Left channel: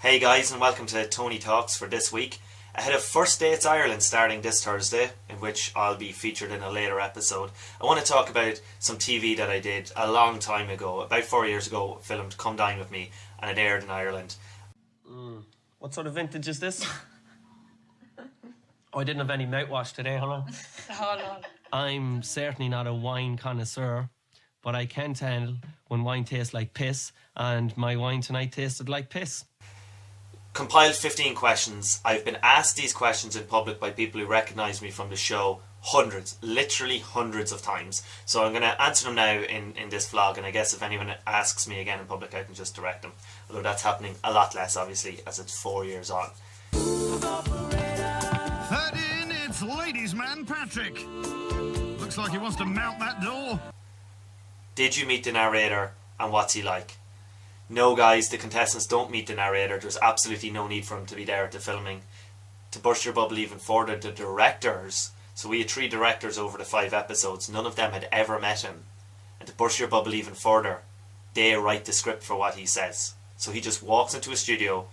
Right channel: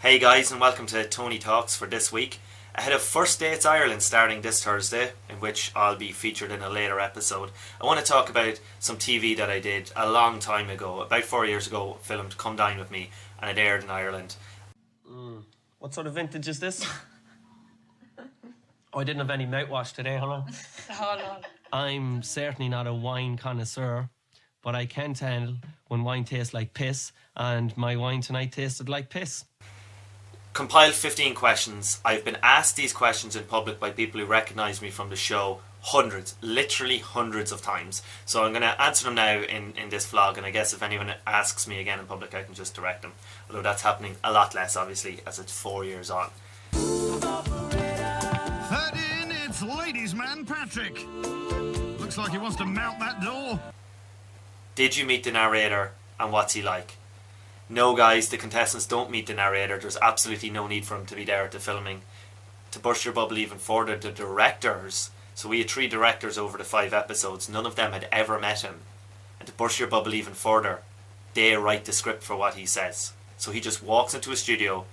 Hey guys, and welcome to Tony Talks for this week. Ahead of First Dates Ireland starting this Thursday, in which I'll be featured in a later episode, I want to talk about some TV that I did a long time ago, about 4 years ago, filmed Come Dine With Me, and it aired in Ireland. What sort of vintage is this? Oh, I didn't have any mouthwash today, hold on. Hold on. I'm certainly not a wine connoisseur, but I can tell when wine tastes like piss, and my wine tonight tasted like piss. Compiled 15 questions. I've been asked these questions in public by people who recognise me from the show literally hundreds of times. So I'm going to answer them now in this vlog, and I guess if anyone asks me again in public, I can just direct them. Although that's happening a lot less, obviously, as it's 4 years on. Third in, it's ladies' man Patrick. Looks like he wants to mount that door. Did you meet the narrator, and what's he like? No guys, the contestants don't meet the narrator. There's absolutely no need for him to be there at the filming. To burst your bubble even further, the directors, so we had 3 directors over the 5 episodes, none of them had ever met him. And to burst your bubble even further, they write the script for what he says. So he just walks into a studio,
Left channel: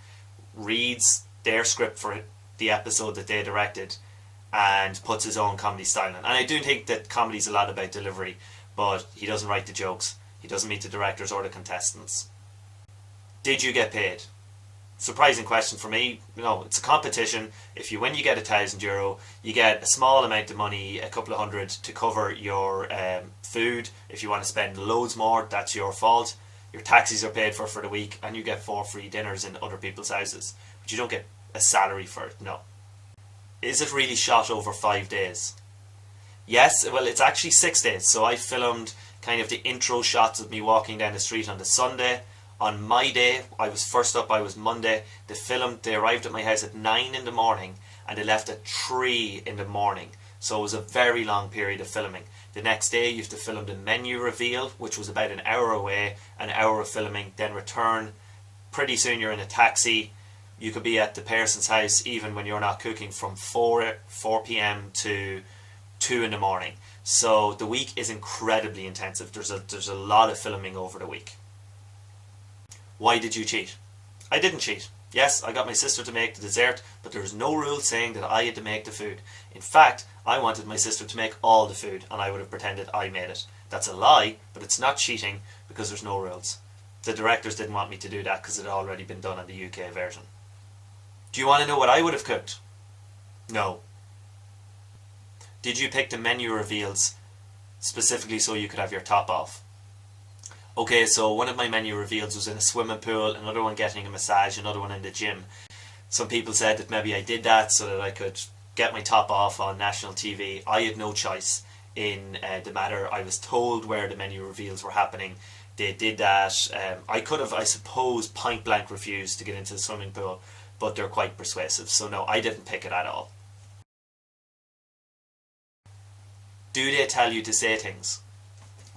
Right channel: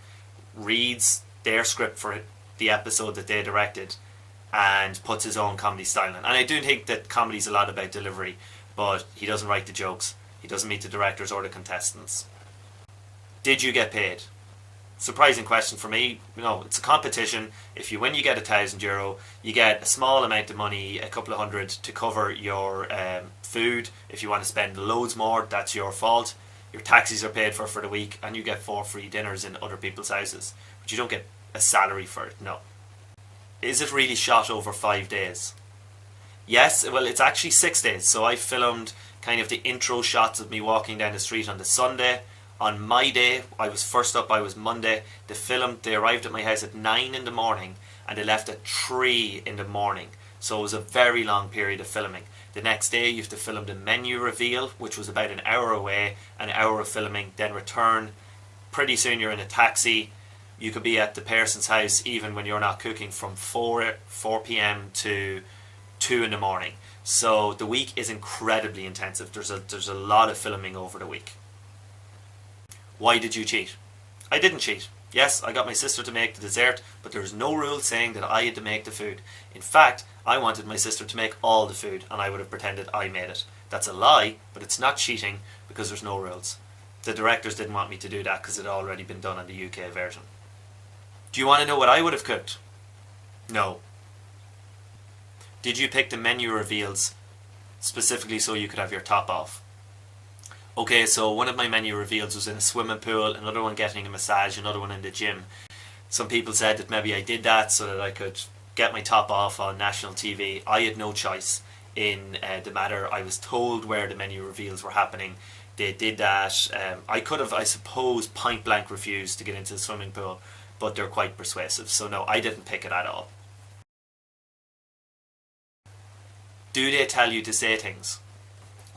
reads their script for the episode that they directed, and puts his own comedy style in. And I do think that comedy's a lot about delivery, but he doesn't write the jokes. He doesn't meet the directors or the contestants. Did you get paid? Surprising question for me. You know, it's a competition. If you win, you get €1,000. You get a small amount of money, a couple of hundred, to cover your food. If you want to spend loads more, that's your fault. Your taxis are paid for the week, and you get 4 free dinners in other people's houses. But you don't get a salary for it, no. Is it really shot over 5 days? Yes, well, it's actually 6 days. So I filmed kind of the intro shots of me walking down the street on the Sunday. On my day, I was first up, I was Monday. They arrived at my house at 9 in the morning and they left at 3 in the morning. So it was a very long period of filming. The next day you have to film the menu reveal, which was about an hour away, an hour of filming, then return. Pretty soon you're in a taxi. You could be at the person's house even when you're not cooking from 4 p.m. to 2 in the morning. So the week is incredibly intensive. There's a lot of filming over the week. Why did you cheat? I didn't cheat. Yes, I got my sister to make the dessert, but there was no rule saying that I had to make the food. In fact, I wanted my sister to make all the food, and I would have pretended I made it. That's a lie, but it's not cheating because there's no rules. The directors didn't want me to do that because it had already been done on the UK version. Do you want to know what I would have cooked? No. Did you pick the menu reveals specifically so you could have your top off? Okay, so one of my menu reveals was in a swimming pool, another one getting a massage, another one in the gym. Some people said that maybe I did that so that I could get my top off on national TV. I had no choice in the matter. I was told where the menu reveals were happening. They did that. I could have, I suppose, point blank refused to get into the swimming pool, but they're quite persuasive. So no, I didn't pick it at all. Do they tell you to say things?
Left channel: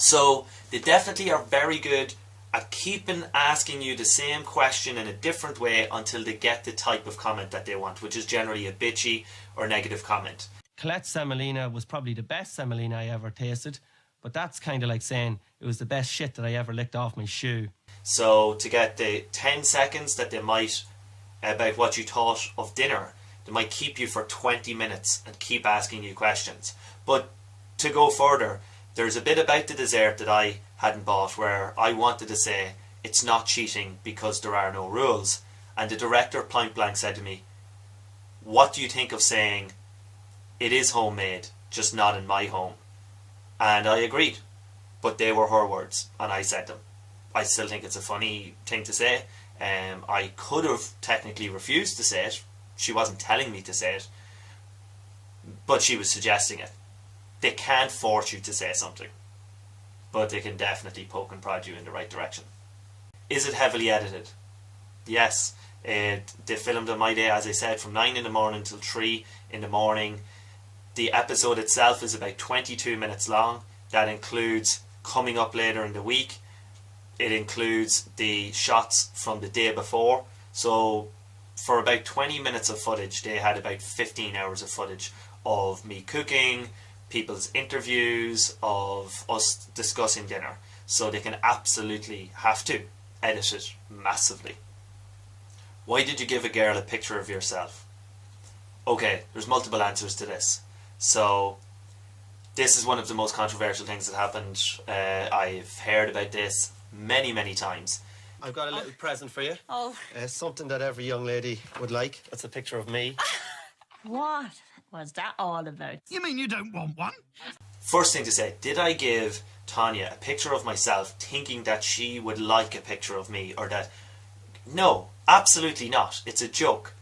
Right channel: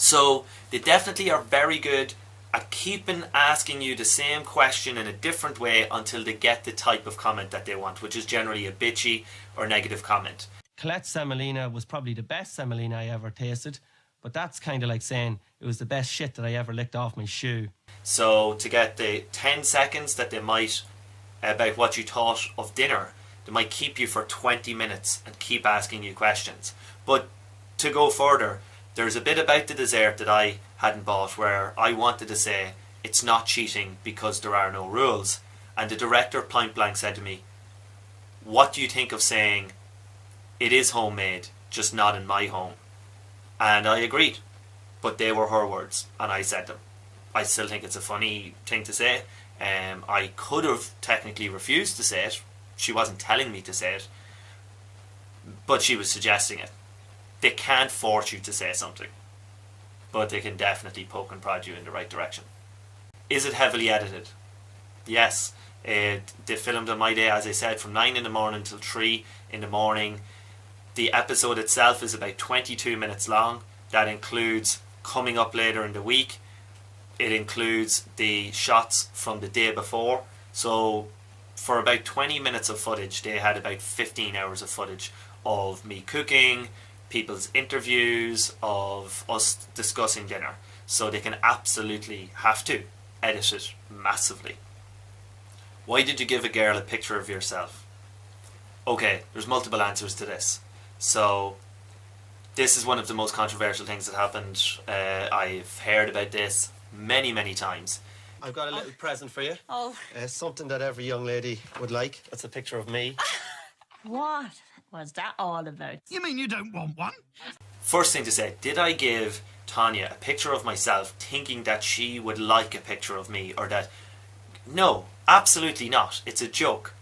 So they definitely are very good at keeping asking you the same question in a different way until they get the type of comment that they want, which is generally a bitchy or negative comment. Colette's semolina was probably the best semolina I ever tasted, but that's kind of like saying it was the best shit that I ever licked off my shoe. So to get the 10 seconds that they might, about what you thought of dinner, they might keep you for 20 minutes and keep asking you questions. But to go further, there's a bit about the dessert that I hadn't bought where I wanted to say it's not cheating because there are no rules. And the director point blank said to me, what do you think of saying it is homemade, just not in my home? And I agreed, but they were her words and I said them. I still think it's a funny thing to say. I could have technically refused to say it. She wasn't telling me to say it, but she was suggesting it. They can't force you to say something, but they can definitely poke and prod you in the right direction. Is it heavily edited? Yes. They filmed on my day, as I said, from 9 in the morning till 3 in the morning. The episode itself is about 22 minutes long. That includes coming up later in the week. It includes the shots from the day before. So for about 20 minutes of footage, they had about 15 hours of footage of me cooking, people's interviews, of us discussing dinner. So they can absolutely have to edit it massively. Why did you give a girl a picture of yourself? Okay, there's multiple answers to this. So, this is one of the most controversial things that happened. I've heard about this many, many times. I've got a little present for you. Oh. Something that every young lady would like. That's a picture of me. What was that all about? You mean you don't want one? First thing to say, did I give Tanya a picture of myself thinking that she would like a picture of me, or that... No, absolutely not. It's a joke.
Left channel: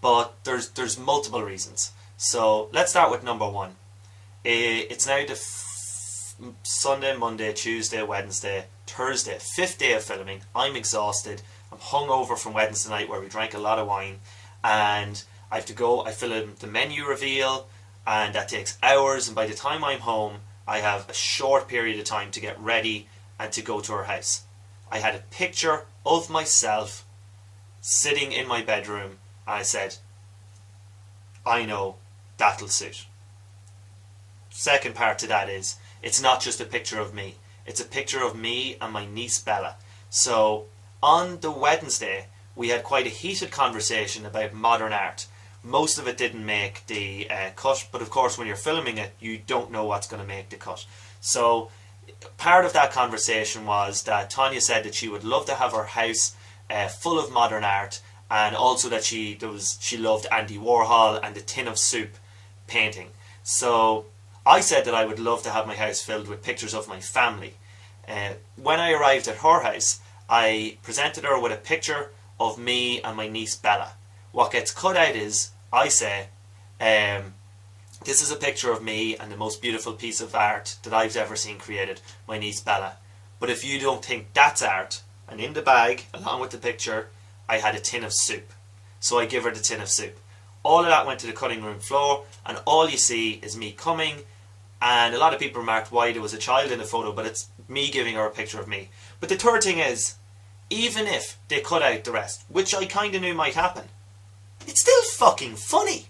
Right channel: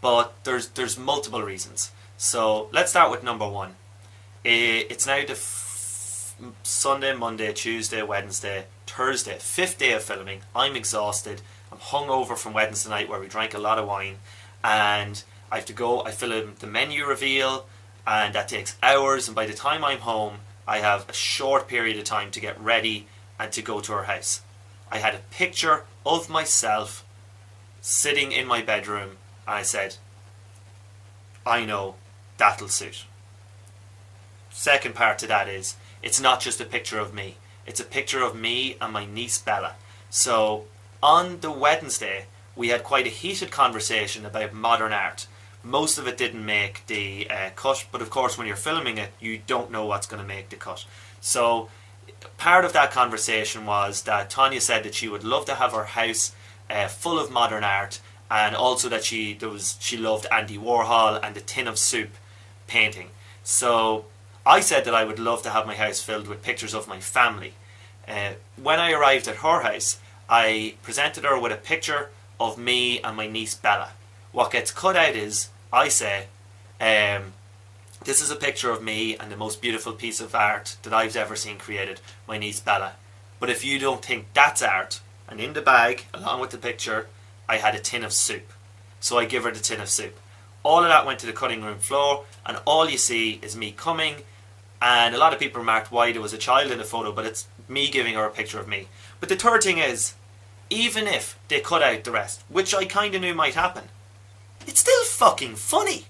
But there's multiple reasons. So let's start with number one. It's now the Sunday, Monday, Tuesday, Wednesday, Thursday, 5th day of filming. I'm exhausted. I'm hungover from Wednesday night where we drank a lot of wine, and I have to go. I film the menu reveal, and that takes hours, and by the time I'm home I have a short period of time to get ready and to go to her house. I had a picture of myself sitting in my bedroom, and I said, I know, that'll suit. Second part to that is, it's not just a picture of me. It's a picture of me and my niece Bella. So, on the Wednesday, we had quite a heated conversation about modern art. Most of it didn't make the cut, but of course when you're filming it, you don't know what's going to make the cut. So, part of that conversation was that Tanya said that she would love to have her house full of modern art, and also that she loved Andy Warhol and the Tin of Soup painting. So I said that I would love to have my house filled with pictures of my family. When I arrived at her house, I presented her with a picture of me and my niece Bella. What gets cut out is, I say, this is a picture of me and the most beautiful piece of art that I've ever seen created, my niece Bella. But if you don't think that's art, and in the bag, along with the picture, I had a tin of soup. So I give her the tin of soup. All of that went to the cutting room floor, and all you see is me coming, and a lot of people remarked why there was a child in the photo, but it's me giving her a picture of me. But the third thing is, even if they cut out the rest, which I kind of knew might happen, it's still fucking funny.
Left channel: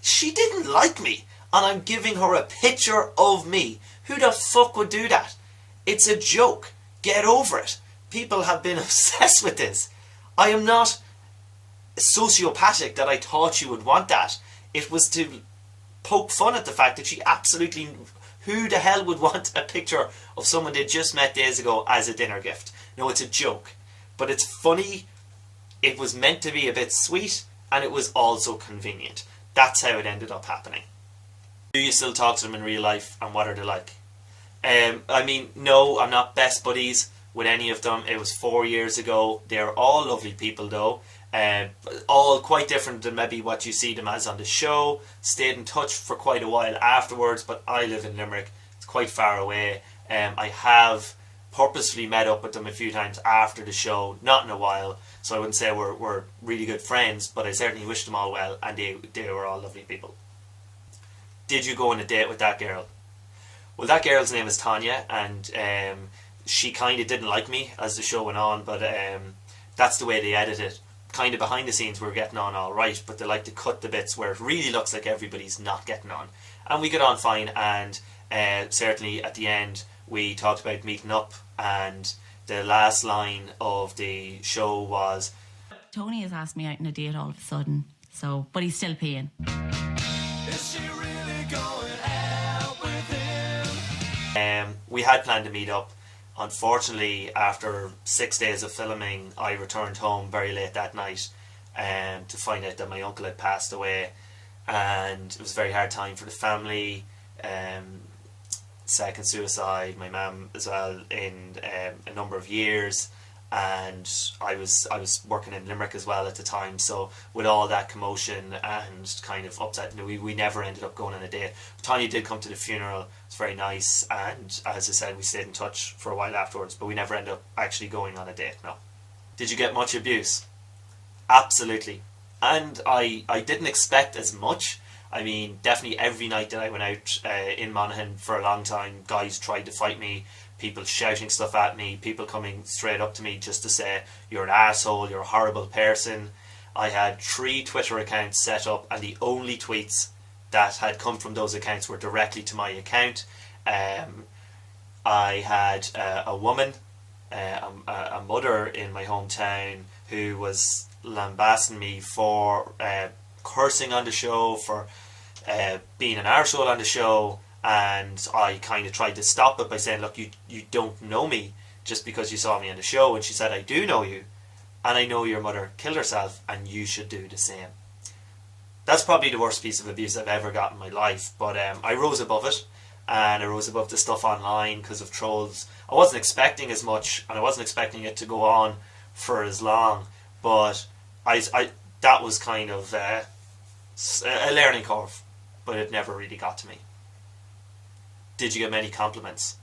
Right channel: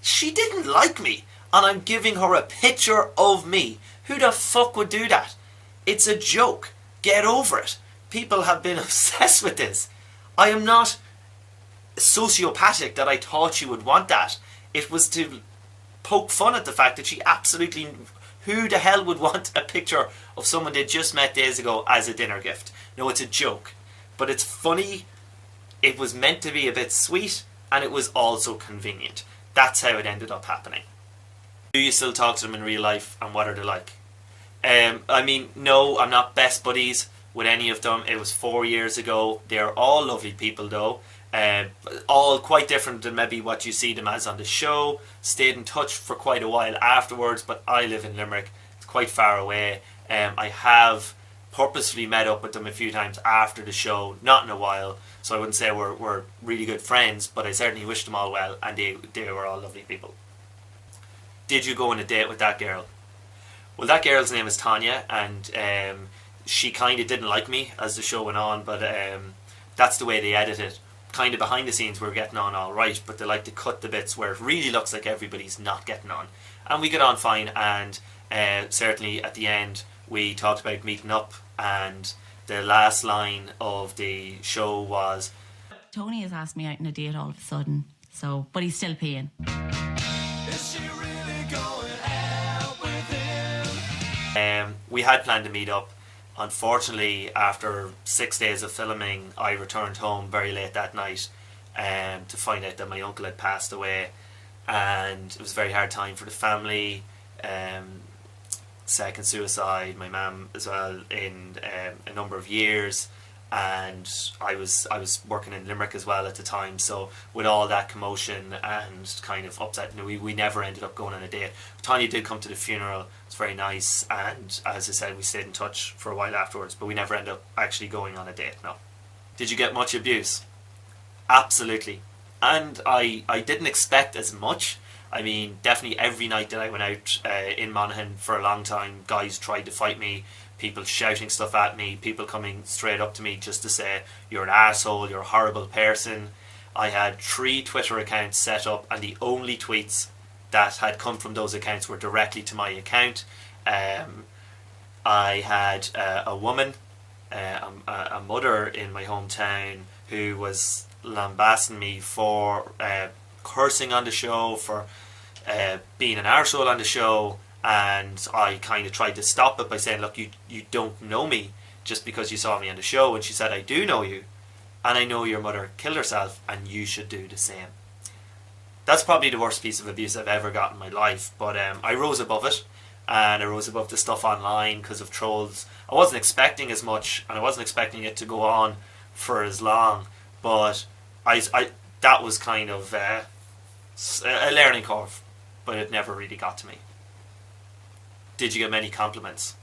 She didn't like me, and I'm giving her a picture of me. Who the fuck would do that? It's a joke. Get over it. People have been obsessed with this. I am not sociopathic that I thought she would want that. It was to poke fun at the fact that she absolutely... Who the hell would want a picture of someone they just met days ago as a dinner gift? No, it's a joke. But it's funny. It was meant to be a bit sweet, and it was also convenient. That's how it ended up happening. Do you still talk to them in real life, and what are they like? I mean, no, I'm not best buddies with any of them. It was 4 years ago. They're all lovely people though. All quite different than maybe what you see them as on the show. Stayed in touch for quite a while afterwards, but I live in Limerick. It's quite far away. I have purposefully met up with them a few times after the show, not in a while, so I wouldn't say we're really good friends, but I certainly wish them all well, and they were all lovely people. Did you go on a date with that girl? Well, that girl's name is Tanya, and she kind of didn't like me as the show went on, but that's the way they edit it. Kind of behind the scenes we're getting on all right, but they like to cut the bits where it really looks like everybody's not getting on. And we get on fine, and certainly at the end we talked about meeting up, and the last line of the show was, Tony has asked me out on a date all of a sudden, so, but he's still paying. Is she really going out with him? We had planned to meet up. Unfortunately, after 6 days of filming, I returned home very late that night to find out that my uncle had passed away, and it was a very hard time for the family. Second suicide, my mum as well, in a number of years, and I was working in Limerick as well at the time, so with all that commotion and kind of upset, we never ended up going on a date. Tanya did come to the funeral. It's very nice, and as I said, we stayed in touch for a while afterwards, but we never ended up actually going on a date, no. Did you get much abuse? Absolutely. And I didn't expect as much. I mean, definitely every night that I went out in Monaghan for a long time, guys tried to fight me, people shouting stuff at me, people coming straight up to me just to say, you're an arsehole, you're a horrible person. I had 3 Twitter accounts set up, and the only tweets that had come from those accounts were directly to my account. I had a woman, a mother in my hometown, who was lambasting me for cursing on the show, for being an arsehole on the show, and I kind of tried to stop it by saying, look, you don't know me just because you saw me on the show. And she said, I do know you, and I know your mother killed herself, and you should do the same. That's probably the worst piece of abuse I've ever got in my life, but I rose above it, and I rose above the stuff online because of trolls. I wasn't expecting as much, and I wasn't expecting it to go on for as long, but I that was kind of a learning curve, but it never really got to me. Did you get many compliments?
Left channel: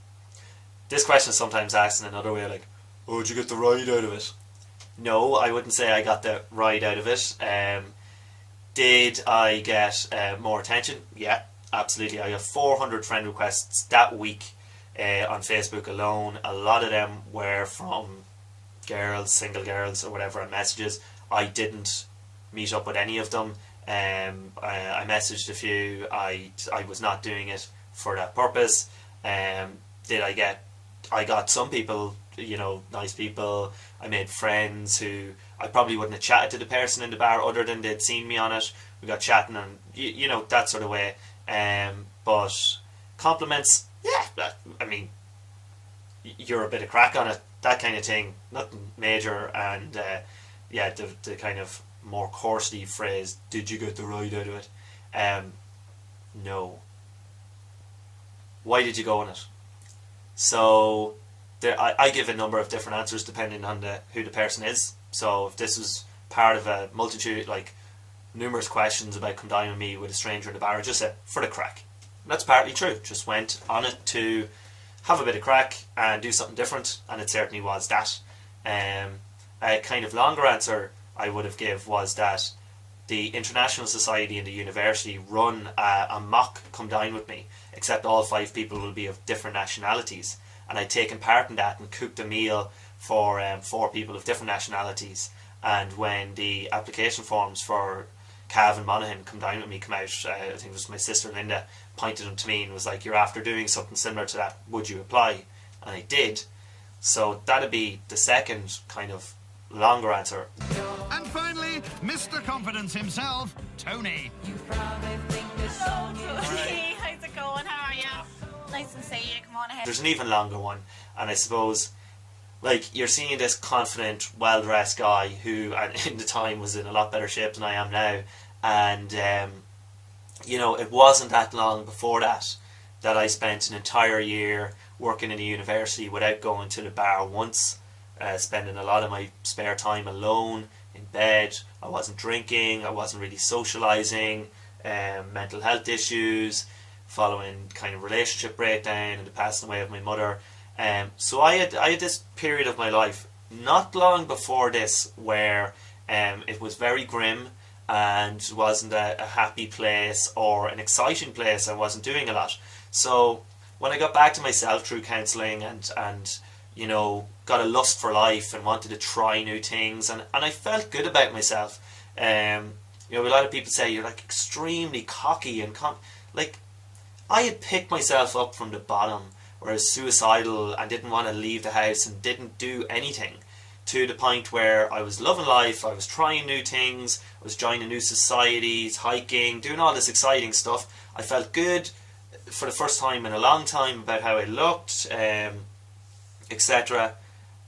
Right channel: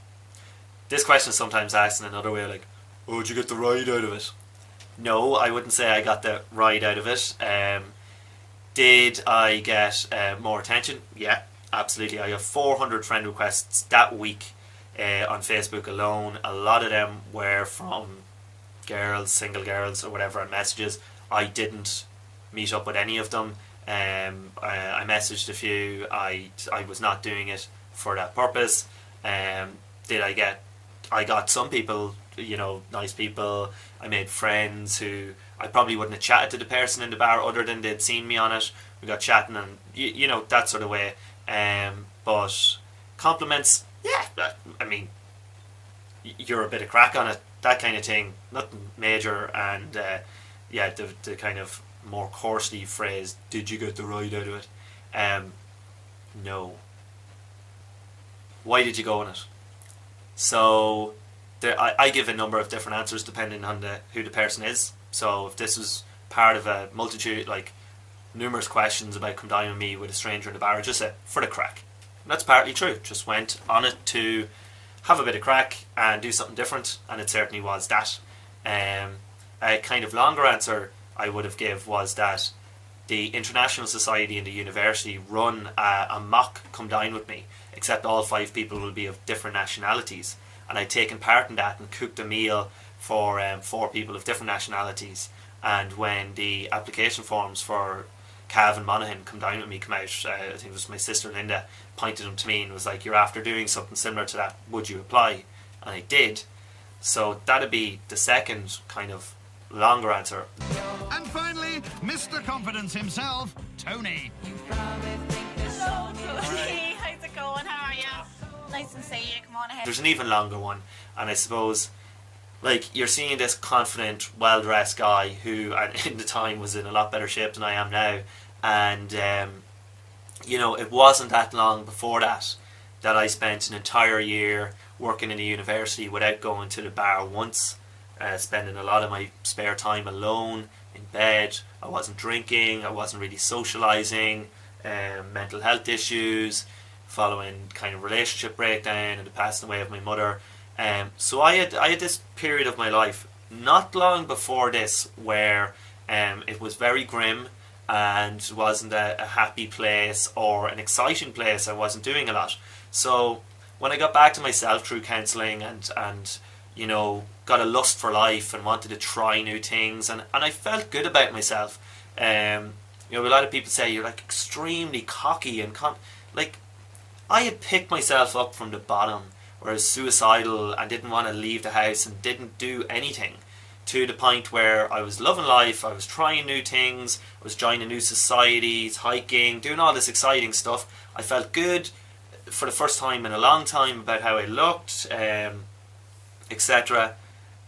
This question is sometimes asked in another way, like, oh, did you get the ride out of it? No, I wouldn't say I got the ride out of it. Did I get more attention? Yeah, absolutely. I got 400 friend requests that week on Facebook alone. A lot of them were from girls, single girls or whatever, on messages. I didn't meet up with any of them. I messaged a few. I was not doing it for that purpose. I got some people, nice people. I made friends who I probably wouldn't have chatted to the person in the bar other than they'd seen me on it. We got chatting and that sort of way. But compliments, yeah, you're a bit of crack on it, that kind of thing, nothing major. And the kind of more coarsely phrase, did you get the ride out of it? No. Why did you go on it? So I give a number of different answers depending on who the person is. So if this was part of a multitude, like numerous questions about come dine with me with a stranger in the bar, I just said for the crack. And that's partly true. Just went on it to have a bit of crack and do something different, and it certainly was that. A kind of longer answer I would have give was that the International Society and the university run a mock come dine with me, except all 5 people will be of different nationalities, and I'd taken part in that and cooked a meal for 4 people of different nationalities. And when the application forms for Cavan, Monaghan, come dine with me come out, I think it was my sister Linda pointed them to me and was like, you're after doing something similar to that, would you apply? And I did. So that'd be the second kind of longer answer. And finally, Mr. Confidence himself, Tony. Hello, Tony. How's it going? How are you? Nice to see you. Come on ahead. There's an even longer one, and I suppose, like, you're seeing this confident, well-dressed guy who, in the time, was in a lot better shape than I am now, and it wasn't that long before that I spent an entire year working in a university without going to the bar once, spending a lot of my spare time alone in bed. I wasn't drinking, I wasn't really socialising, mental health issues, following kind of relationship breakdown and the passing away of my mother. So I had this period of my life not long before this where it was very grim and wasn't a happy place or an exciting place. I wasn't doing a lot. So when I got back to myself through counselling and got a lust for life and wanted to try new things, and I felt good about myself. A lot of people say you're like extremely cocky and I had picked myself up from the bottom, where I was suicidal and didn't want to leave the house and didn't do anything, to the point where I was loving life, I was trying new things, I was joining new societies, hiking, doing all this exciting stuff. I felt good for the first time in a long time about how I looked, etc.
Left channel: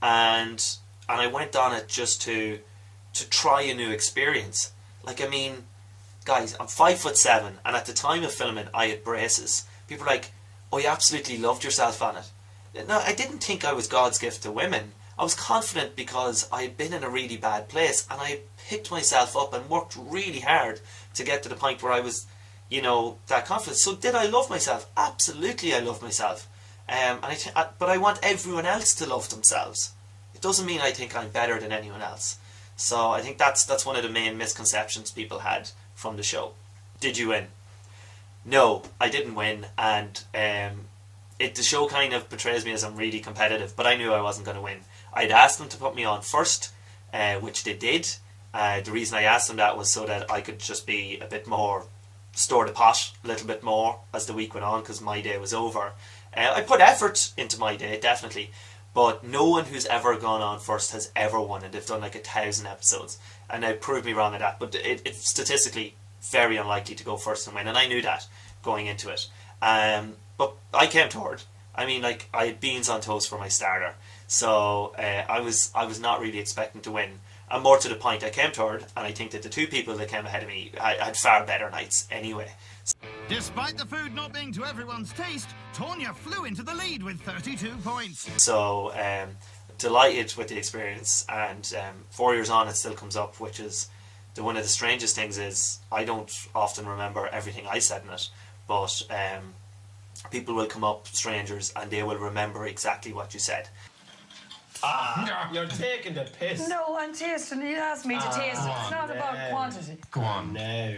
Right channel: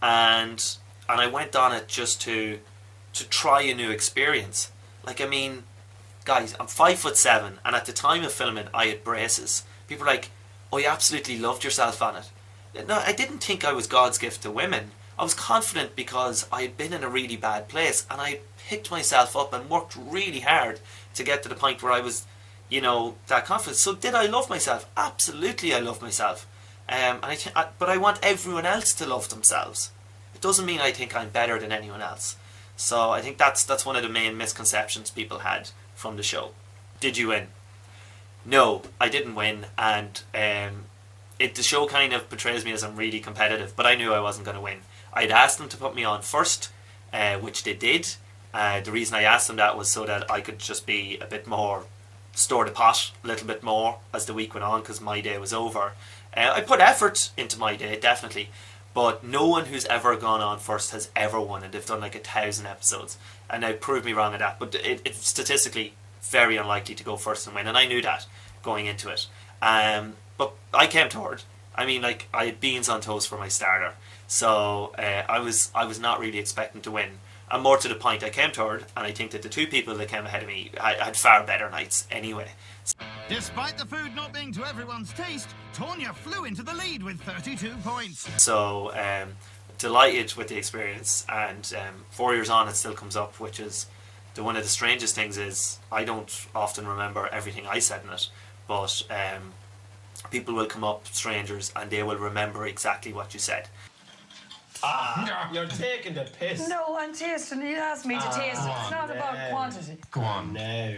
And I went on it just to try a new experience. Guys, I'm 5'7", and at the time of filming I had braces. People were like, oh, you absolutely loved yourself on it. No, I didn't think I was God's gift to women. I was confident because I had been in a really bad place, and I picked myself up and worked really hard to get to the point where I was, that confident. So did I love myself? Absolutely I loved myself. But I want everyone else to love themselves. It doesn't mean I think I'm better than anyone else. So I think that's one of the main misconceptions people had from the show. Did you win? No, I didn't win, and the show kind of portrays me as I'm really competitive, but I knew I wasn't going to win. I'd asked them to put me on first, which they did. The reason I asked them that was so that I could just be a bit more store the pot a little bit more as the week went on, because my day was over. I put effort into my day, definitely, but no one who's ever gone on first has ever won, and they've done like 1,000 episodes. and now proved me wrong at that. But it's statistically very unlikely to go first and win, and I knew that going into it. But I came third. I mean, like, I had beans on toast for my starter, so I was not really expecting to win. And more to the point, I came third, and I think that the two people that came ahead of me had far better nights anyway. Despite the food not being to everyone's taste, Tonya flew into the lead with 32 points. So delighted with the experience, and 4 years on it still comes up, which is one of the strangest things is I don't often remember everything I said in it, but people will come up, strangers, and they will remember exactly what you said. You're taking the piss. No, I'm tasting. You asked me to taste it. It's not about quantity. Go on. No.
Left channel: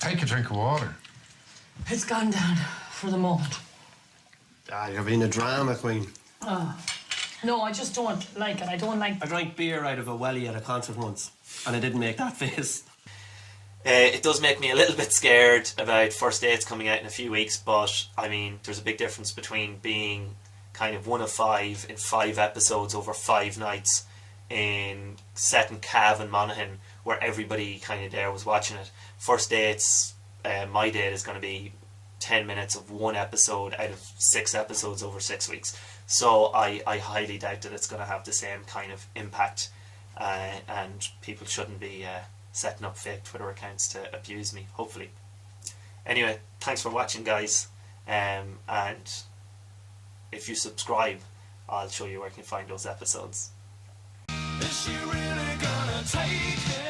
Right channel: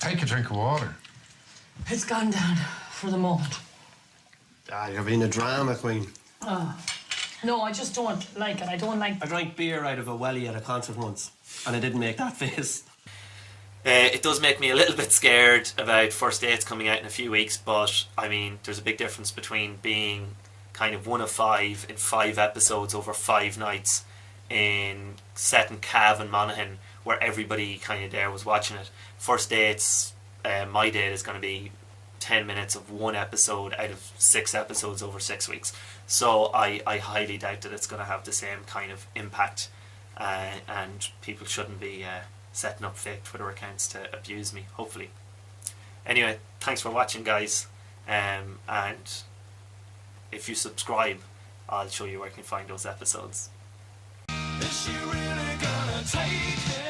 Take a drink of water. It's gone down for the moment. You're being a drama queen. No, I just don't like it. I don't like. I drank beer out of a welly at a concert once, and I didn't make that face. It does make me a little bit scared about First Dates coming out in a few weeks, but I mean, there's a big difference between being kind of one of 5 in 5 episodes over 5 nights set in Cavan, Monaghan, where everybody kind of there was watching it. First Dates, my date is going to be 10 minutes of one episode out of 6 episodes over 6 weeks. So I highly doubt that it's going to have the same kind of impact, and people shouldn't be setting up fake Twitter accounts to abuse me, hopefully. Anyway, thanks for watching, guys, and if you subscribe, I'll show you where you can find those episodes. Is she really gonna take it?